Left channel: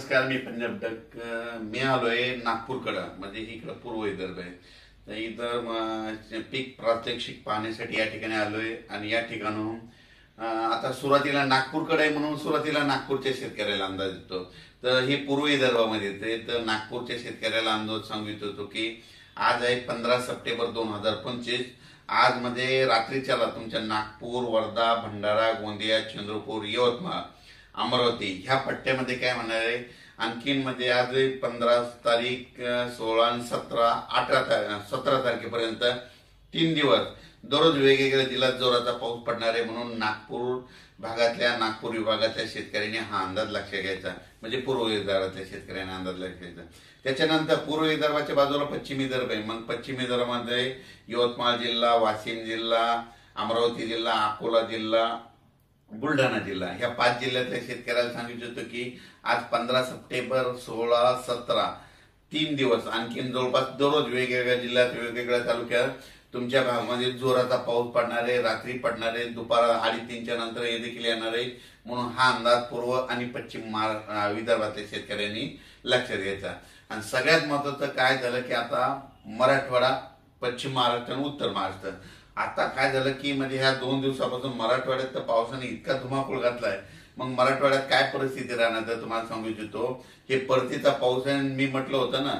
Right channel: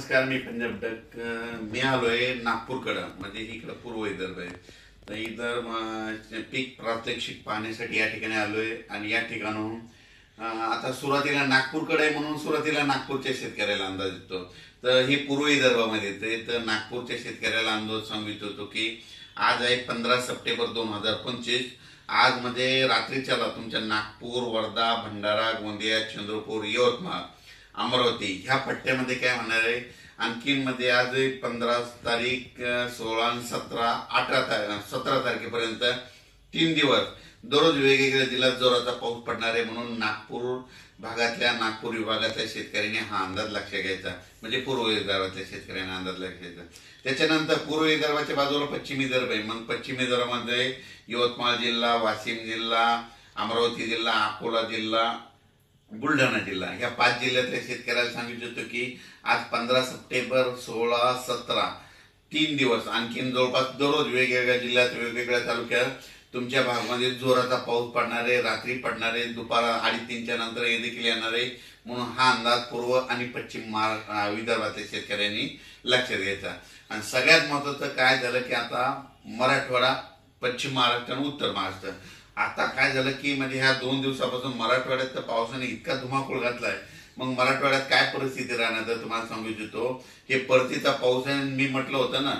नमस्कार. मी पंजाब डक. मी आलोय नागपूरकडं, म्हणजे इकडं पूर्व विदर्भ आहे. तर इथं पीक प्रात्यक्षिक पाहण्यासाठी या ठिकाणी आलोय. आणि या ठिकाणून आता सुरुवातीला नागपूरकडे आहे म्हणून सुरुवातीला नागपूरच्या शेतकऱ्याला अंदाज येतो. तर हे पूर्व विदर्भामध्ये येते. तर नागपूरच्या शेतकऱ्याला अंदाज सांगू इच्छितो की आज आहे 15 सप्टेंबर 2025. आज म्हणजे रात्रीच्याला तुमच्या नागपूर, वर्धा, भंडारा, गोंदिया, चंद्रपूर, यवतमाळ, अमरावती ह्या पट्ट्यामध्ये काय होणार आहे. आणखीन मध्ये आज 15 तारीख, 16, 17, 17 तारखेपर्यंत 3 दिवस दररोज वेगवेगळ्या जिल्ह्यात जोराचा पाऊस पडणार आहे. म्हणून नागपूर भागातल्या, नागपूर विभागातल्या शेतकऱ्यांनी हा अंदाज लक्षात घ्यायचा. म्हणजे पूर्व विदर्भातल्या शेतकऱ्यांना अंदाज लक्षात घ्यायचा. त्याच्यानंतर पूर्व विदर्भाच्या बाजूला पश्चिम विदर्भ आहे. मग पश्चिम विदर्भामध्ये यवतमाळ जिल्हा, वाशिम जिल्हा, अमरावती जिल्हा, अकोला जिल्हा, बुलढाणा जिल्हा ह्या 5 जिल्ह्यातल्या शेतकऱ्याला सांगितलं होतं की आज 15 सप्टेंबर, 16, 17 3 दिवस आणखीन जवळपास दररोज वेगवेगळ्या जिल्ह्यात, वेगवेगळ्या तालुक्यात तुमच्या भागामध्ये जोराचा पाऊस पडणार आहे. रात्री पडणार आहे, दुपार 2:30च्या नंतर हे देखील येणार आहे. म्हणून हा अंदाज पूर्व आणि पश्चिम विदर्भातल्या शेतकऱ्यांनी लक्षात घ्यायचा. आणि सगळ्यात महत्वाचं काय झालं की आता मराठवाडा, पश्चिम महाराष्ट्र आणि उत्तर महाराष्ट्र, आता काय झालं की म्हणजे ह्या 2 दिवसापासून मराठवाड्यात तर पावसाने इतका धुमाकूळ घातलाय. मग मराठवाड्यात काय परिस्थिती राहणार तर तुम्हाला सांगू इच्छितो. हे परतीचा पाऊस आहे. मी म्हटलं होतं ना,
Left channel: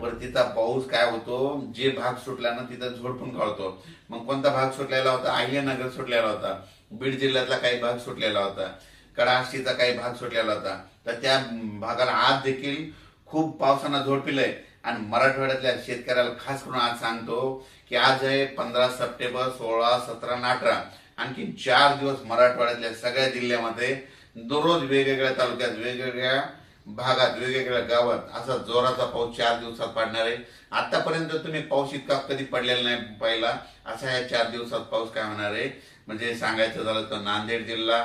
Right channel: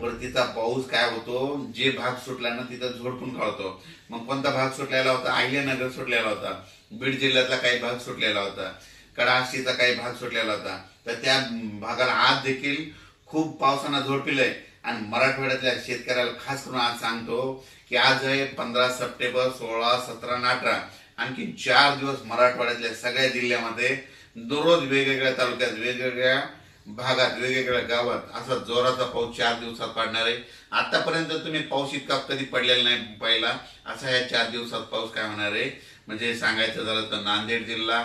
परतीचा पाऊस काय होतो, जे भाग सुटला ना तिथं झोडपून काढतो. मग कोणता भाग सुटलेला होता? अहिल्यानगर सुटलेला होता, बीड जिल्ह्यातला काही भाग सुटलेला होता, कडाष्टीचा काही भाग सुटलेला होता. तर त्या भागाला आज देखील खूप पावसानं झोडपिलंय. आणि मराठवाड्यातल्या शेतकऱ्याला खास करून आज सांगतो की आज आहे 15 सप्टेंबर, 16, 17 आणि 18 आणखी 4 दिवस मराठवाड्यातल्या सगळ्या जिल्ह्यामध्ये दररोज वेगवेगळ्या तालुक्यात, वेगवेगळ्या भागात, वेगवेगळ्या गावात असा जोराचा पाऊस 4 दिवसात पडणार आहे. आतापर्यंत तुम्ही पाऊस इतका कधी पडलेला नाही पहिला. असा या 4 दिवसात पाऊस काय होणार आहे. म्हणजे सांगायचं झालं तर नांदेड जिल्हा,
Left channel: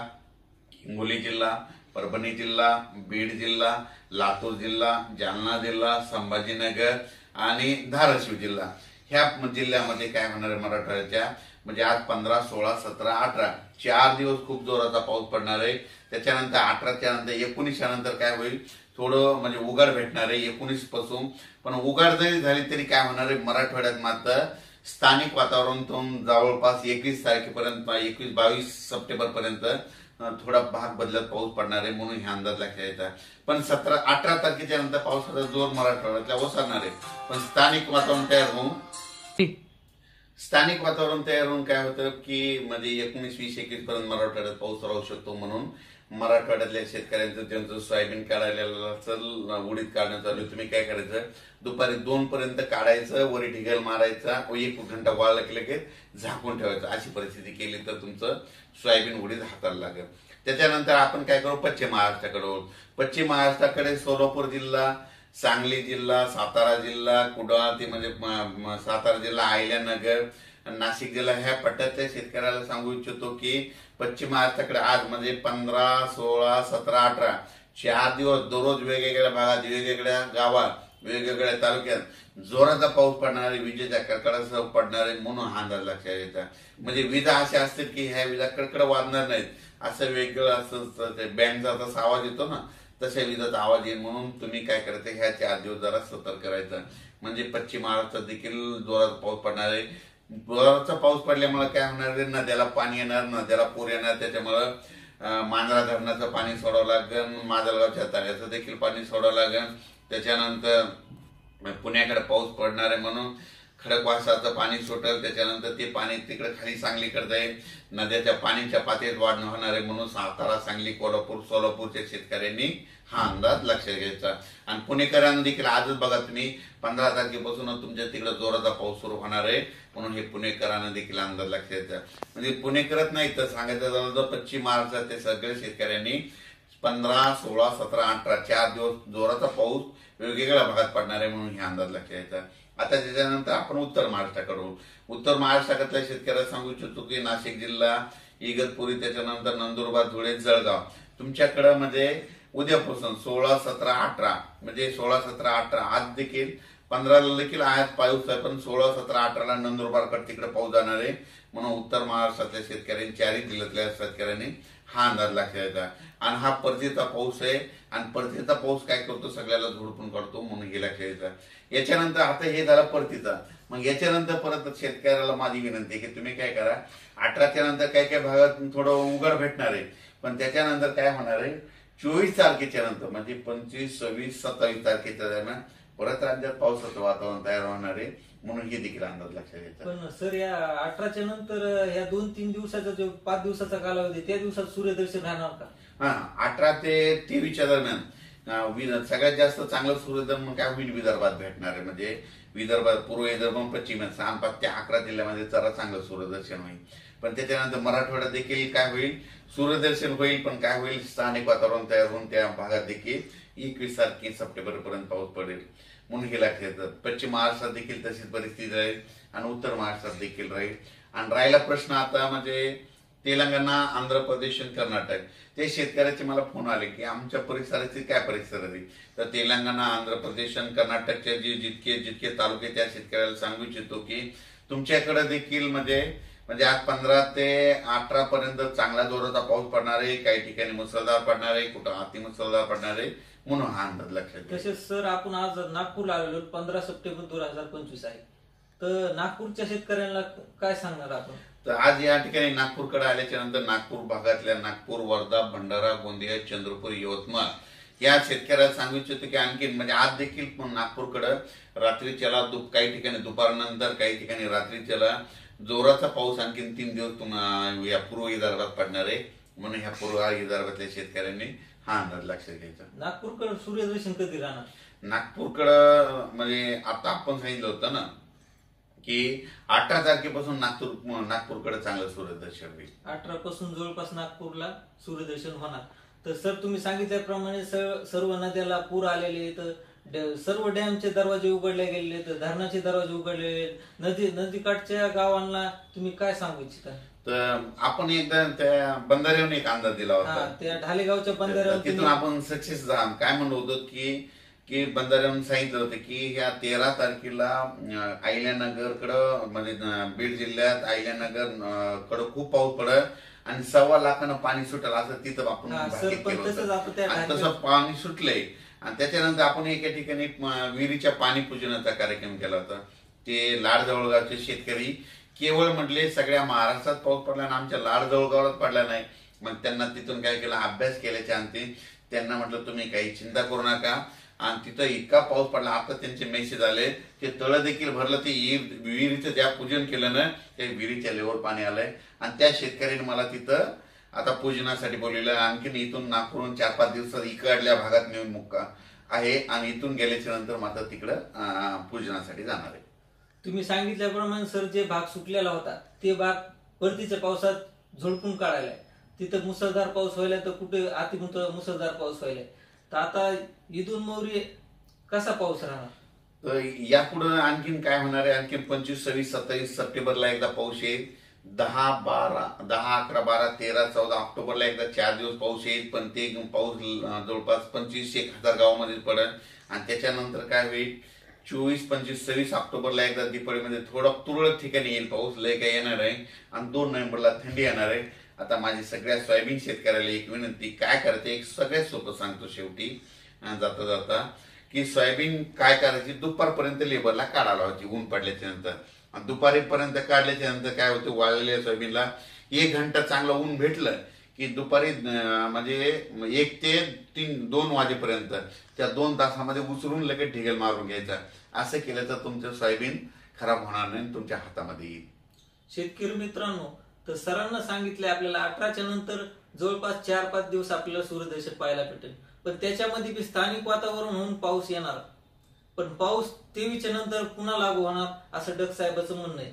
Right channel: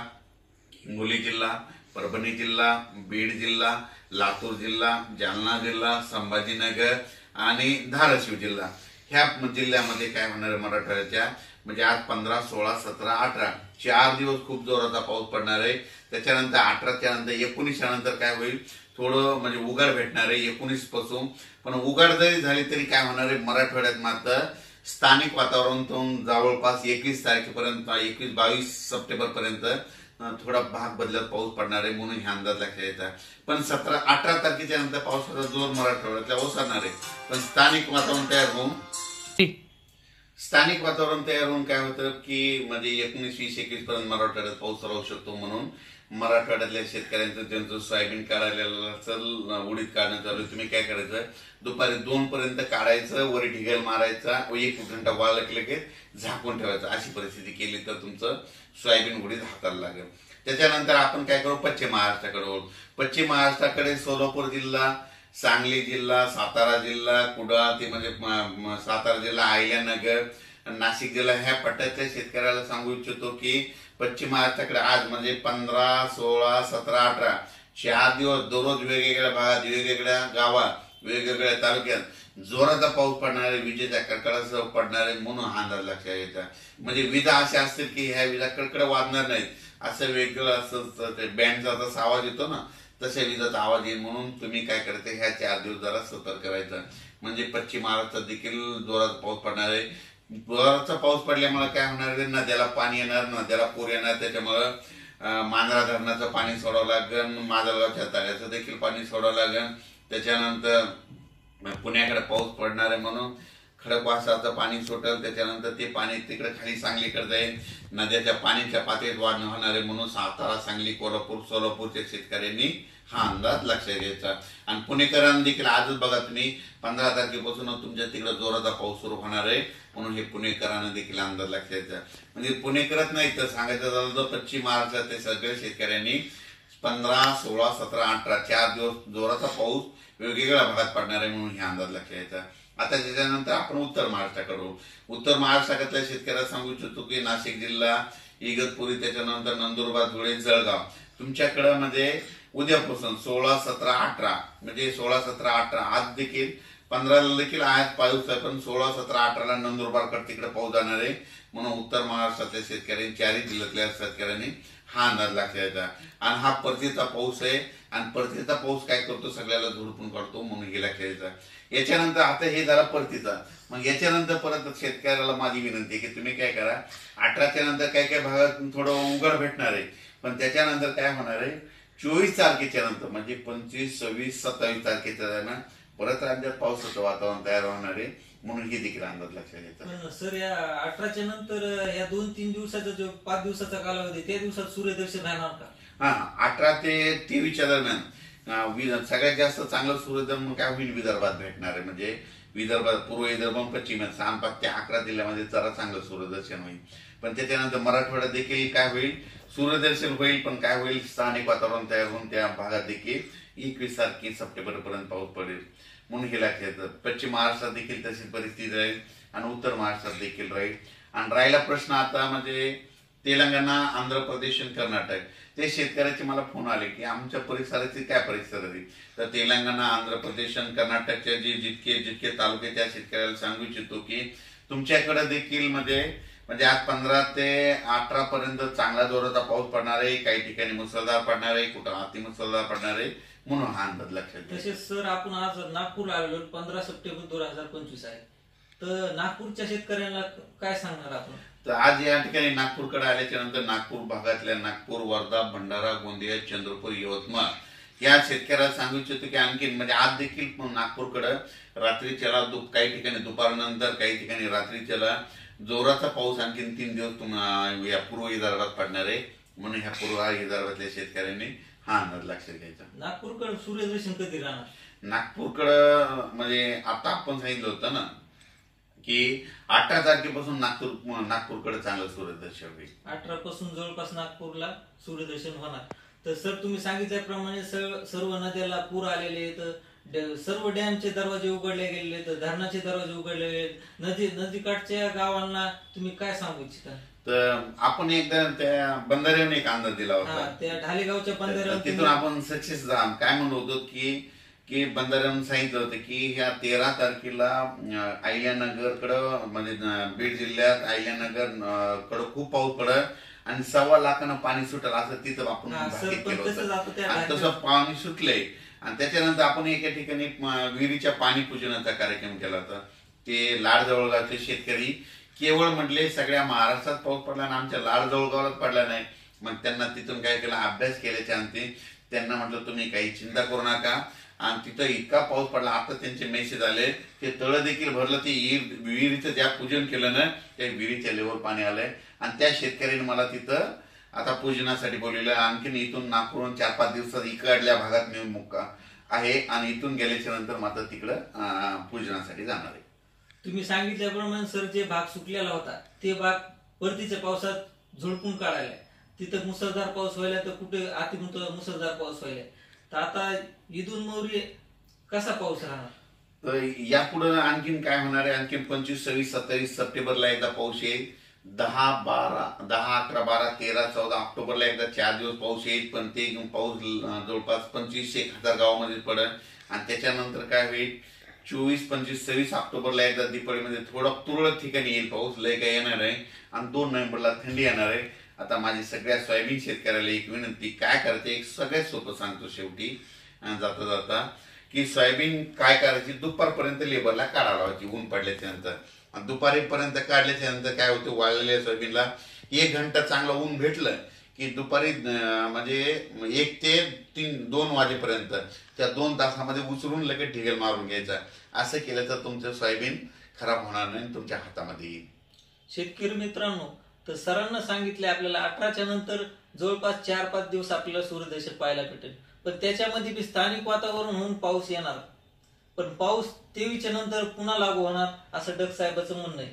हिंगोली जिल्हा, परभणी जिल्हा, बीड जिल्हा, लातूर जिल्हा, जालना जिल्हा, संभाजीनगर आणि धाराशिव जिल्हा ह्या जिल्ह्यामध्ये काय होणार आहे मराठवाड्याच्या. म्हणजे आज 15, 16, 17, 18 4 दिवस खूप जोराचा पाऊस पडणार आहे. त्याच्यानंतर 18च्या नंतर 19च्या नंतर काय होईल, थोडं म्हणजे उघाड भेटणार आहे 19 पासून. पण उघाड जरी झाली तरी काय होणार आहे मराठवाड्यात मात्र स्थानिक वातावरणातून जवळपास 21 तारखेपर्यंत, 21-22 सप्टेंबर पर्यंत थोडा भाग बदलत पाऊस पडणार आहे. म्हणून हे अंदाज लक्षात येतात. पण 17-18 तारखेच्या नंतर पावसाचा जोर मराठवाड्यातल्या ओसरणार आहे. पण स्थानिक वातावरण तयार होऊन काय होतं की म्हणजे 19, 20, 21 पर्यंत मराठवाड्यात पाऊस राहू शकतो. म्हणून मराठवाड्यातल्या शेतकऱ्यांचं ज्यांचं सोयाबीन काढायला असेल, उडीद काढणं चालू आहे, तुम्ही काय करायचं, दुपारी 2 पर्यंत काढायचं, वरी ढिगल मारायचा, 1 घंटा वाळलं की झाकून ठेवायचं. अशी परिस्थिती केली तर तुमचं सोयाबीन उडीद हाताला लागेल. त्याच्यानंतर आपण काय करू, पश्चिम महाराष्ट्राकडे वळू. पश्चिम महाराष्ट्राकडे सोलापूर जिल्हा, सांगली जिल्हा, सातारा जिल्हा, कुडाळ ते म्हणजे सातारा जिल्हा, अहिल्यानगर, नाशिक जिल्हा ह्या पट्ट्यातल्या शेतकऱ्याला सांगू इच्छितो की पश्चिम महाराष्ट्राकडे आज म्हणजे 15, 16, 17, 18 4 दिवस दररोज वेगवेगळ्या भागात, वेगवेगळ्या गावात, वेगवेगळ्या तालुक्यात जोराचा पाऊस पडणार आहे, विजेच्या कडकडासह पडणार आहे. म्हणून हा अंदाज लक्षात येतात. म्हणजे विजा अशा असतील की ह्या विजा कडकड वाजणार नाहीत, असं वेगळं असं बँडचा जसा आवाज येतो ना तशा विजाचा आवाज येईल. म्हणून तुम्ही काय करायचं, ह्या 4 दिवस जरा सतर्क करायचं. म्हणजे पश्चिम महाराष्ट्रात देखील जोराचा पाऊस पडणार आहे. जोराचा पाऊस पडल्यामुळे काय होणार आहे, नद्याला पाणी येणार, नद्याला पूर येणार. त्याच्यामुळे मांजरा धरणाचं पाणी सोडावं लागेल, माजलगावच्या तळ्याचं देखील पाणी सोडावं लागेल. त्याच्यानंतर पुण्याकडे पाऊस पडणार आहे म्हणून खडकवासलाचं पाणी सुटेल. त्याच्यानंतर ते पाणी तिकडे खाली सांगलीकडे जाईल. नद्याच्या पाण्याच्या पातळीत वाढ होणार आहे. म्हणून सातारा, सांगली, कोल्हापूर, सोलापूरच्या शेतकऱ्यांनी हा अंदाज लक्षात घ्यायचा. आणि पुणेकरांना देखील आजच बघा तुम्ही 15 तारखेपासून तुमच्या तिकडे जोराचा पाऊस सुरू होणार आहे. म्हणून हे पुणेकरांना देखील अंदाज लक्षात घ्यायचा. म्हणजे पुणेकरच नाही तर सांगायचं झालं तर पश्चिम महाराष्ट्रातील सगळ्या शेतकऱ्यांनी 15, 16, 17, 18 4 दिवस जोराचा पाऊस वेगवेगळ्या भागात पडणार आहे. म्हणून हे अंदाज लक्षात घ्यायचा. आता त्याच्यानंतर आपण उत्तर महाराष्ट्राकडे. उत्तर महाराष्ट्रातल्या शेतकऱ्याला सांगू इच्छितो की नाशिक जिल्हा, इगतपुरी, त्याच्यानंतर नंदुरबार, धुळे, जळगाव तुमच्याकडे म्हणजे उद्यापासून 16, 17, 18 म्हणजे 16, 17, 18 आज देखील 15ला देखील आज पाऊस आहे. पण 16, 17, 18ला नंदुरबारकडे तिकडे पाऊस जाणार आहे. म्हणून उत्तर महाराष्ट्रातल्या शेतकऱ्यांनी, 4 जिल्ह्यातल्या शेतकऱ्यांनी हा अंदाज लक्षात यायचा. आणि हा परतीचा पाऊस आहे आणि परतीचा पाऊस काय करतो, सगळ्याला झोडपून काढतो, म्हणून हे लक्षात यायचा. याच्यानंतर आता हे झालं परतीचा. मग याच्यानंतर परत शेतकऱ्याला माझी विनंती आहे की तुम्ही काय करा, 18च्या नंतर काही काही भागात थोडं उघड भेटणार आहे, पण त्याच्यानंतर काय होणार आहे, 24 तारखेच्या नंतर म्हणजे 25, 26, 27 तारखेच्या दरम्यान परत राज्यात पावसाचं वातावरण तयार होणार आहे, म्हणून हे देखील अंदाज लक्षात घ्यायचा. पण सर या 18च्या नंतर या 2-3 दिवसाचा जो 5 दिवसाचा कालावधी, त्या दिवसात सूर्यदर्शन राहणार का? हा, 18 ते 23च्या दरम्यान सगळ्यात जास्त चांगलं सूर्यदर्शन काय होईल, विदर्भात भेटणार आहे. म्हणजे विदर्भात, पूर्व विदर्भ, पश्चिम 6 ते 11 जिल्ह्यामध्ये जरा चांगलं सूर्यदर्शन होईल. पण त्याच्यानंतर मराठवाड्यात देखील काय होईल, सूर्यदर्शन होईल, पण काय होईल, स्थानिक वातावरण तयार होऊन त्या भागात देखील 21 तारखे सप्टेंबर पर्यंत पाऊस पडेल, म्हणून हे लक्षात येतं. पश्चिम महाराष्ट्रात देखील तशीच परिस्थिती राहील आणि उत्तर महाराष्ट्रात देखील राहील. आणि राहिला प्रश्न आता म्हणजे तेलंगणा, आंध्र प्रदेश आणि कर्नाटक, ते शेतकऱ्याचे मला फोन आले की आमच्या परिसराची काय परिस्थिती. तर तेलंगणा, आंध्र प्रदेश आणि कर्नाटकचे जे जितके तालुके, त्या शेतकऱ्याला सांगू इच्छितो की तुमच्याकडे देखील म्हणजे आज 15 ते 18 पर्यंत चांगला जोराचा पाऊस पडणार आहे, काही ठिकाणी मुसळधार पडणार आहे, कुठं अतिमुसळधार पडणार आहे, म्हणून हा अंदाज लक्षात घ्या. तसेच सर आपण आज नागपूरला आलेलो, 15 सप्टेंबर 2025 आहे, तर नागपूरच्या शेतकऱ्यांना काय सांगणार आपण? तर आज या ठिकाणी नागपूरकडे आल्याच्या नंतर नागपूर भागातल्या नागपूर, वर्धा, भंडारा, गोंदिया, चंद्रपूर, यवतमाळ या शेतकऱ्याला सांगू इच्छितो की आणखी म्हणजे आज देखील नागपूरकडे रात्रीच्याला काही ठिकाणी दुपारनंतर, काही ठिकाणी रात्रीच्याला जोराचा पाऊस आणखी 3 दिवस या पूर्व विदर्भात पडणार आहे, म्हणून ह्या पूर्व विदर्भातल्या शेतकऱ्यांनी हा अंदाज लक्षात घ्यायचा. नागपूरकडे सूर्यदर्शन कधी राहणार? नागपूरकडं म्हणजे आता आपण सांगितलं होतं ना की 18 तारखेपासून नागपूरकडे चांगलं सूर्यदर्शन होईल. 18 पासून जवळपास नागपूरला सूर्यदर्शन होणार. तर सर तुम्ही सांगितल्याप्रमाणे सर्व नद्याला पूर आलेले आहेत, सर्व डॅमचे दरवाजे उघडले गेलेले आहेत, धरणाचे दरवाजे उघडलेले आहेत, नदीकाठच्या गावांना तुम्ही काय सांगू इच्छिता? तर आपण एकदा त्या बंधाऱ्यावर एक अंदाज दिला होता, त्या ढालेगावच्या बंधाऱ्यावर. तिथून आपण सक्सेस काय म्हणलो होतो की बंधाऱ्यावरून सांगितलं होतं की ह्या 13 तारखेला अहिल्यानगरकडं म्हणजे बीड जिल्ह्यात अहिल्यानगर कडं खूप पाऊस पडत आणि 1.25 लाखानं पाणी सुटेल, असं तिथं आपण तसं पाणी सुटलंय. आणि त्याच्यानंतर आपण एका ठिकाणी विहिरीच्या पाणी पूजनाचा कार्यक्रम केला होता. ते लाड जवळगावचे शेतकरी केवळ म्हटले सगळ्या महाराष्ट्रात पाऊस पडला आणि आमच्या लाड जवळगावात पडला नाही. मग त्यांना तिथून काय केलं, अभ्यास केल्याच्या अंती त्यांना म्हटलं तुम्ही काही चिंता करू नका, आणि तिथं इतका पाऊस पडला, आता त्यांचे मेसेज आले, ते तळं देखील भरलं, ते विहिरीचं ज्या पूजन केलं ना, त्या विहिरीच्या लेवर पाणी आलंय. आणि त्या शेतकऱ्यांनी मला तिथं आता पूजनासाठी बोलवलं. आणखीन इथून नागपूरहून 4-5 दिवसात इकडल्या भागात मी मुक्का आहे आणि इथून गेल्याच्या नंतर मात्र तिकडं पूजनासाठी जाणार आहे. तुम्ही सांगितल्याप्रमाणे सर जे भाग सुटलेला होता ते भाग परतीच्या पावसात झोडपून काढायला, तिथं मुसळधार पाऊस व्हायला, तर कुठे मुसळधार पाऊस व्हायला. तर आता इथून मोरी कसा पाऊस राहणार? तर यापुढे आणखीन काय होणार आहे, आणखीन 25, 26, 27 सप्टेंबरला एकदा पाऊस येईल, 10, 11, 12, 13, 14 ऑक्टोबरला एकदा 4 दिवस पाऊस येईल. पण ते पाऊस जवळपास 25-1000 गावामध्ये पडेल. आणि त्याच्यानंतर काय होईल, 24, 25, 26 ऑक्टोबरला एकदा दिपाळीमध्ये थोडा तुरळक ठिकाणी येईल पाऊस, लय काय येणार आहे. आणि 2 नोव्हेंबरला थंडी येणार आहे. आता माझी सगळ्या सोयाबीन शेतकऱ्याला एक विनंती, काय करायचे एक सगळ्यात सोपं सांगतो शेवटी जाता जाता, की सोयाबीन काय करायची, दुपारपर्यंत लेबरला काढायला लावायची ऊन पडल्याच्या नंतर. दुपारीपर्यंत काढल्याच्या नंतर काय होतं, वाळलेल्या सोयाबीनला 1 घंटा चांगलं ऊन भेटलं की दुपारी म्हणजे 1 ते 2 वाजेपर्यंत त्या 2 तासामध्ये उचलून लगेच ढिगल मारून घ्यायचा. असं केलं तर तुमचं सोयाबीन खराब होणार नाही, तुमच्या हातामध्ये येईल. शेतकरी मित्रांनो, तर सरांना सांगितलंय आपल्याला 18च्या नंतर जवळपास 4-5 दिवस आपल्याला सूर्यदर्शन पाहायला भेटेल. पण त्याच्यामध्ये बी स्थानिक वातावरण होऊन पाऊस येणार, पण पाऊस 23च्या नंतर पुन्हा लागू होणार असं डग साहेबांचं म्हणणं आहे.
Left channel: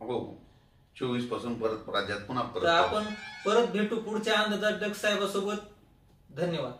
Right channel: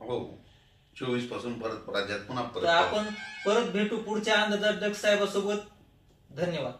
हो, 24 पासून परत राज्यात पुन्हा आपण परत भेटू पुढच्या अंदाजात डग साहेबांसोबत. धन्यवाद.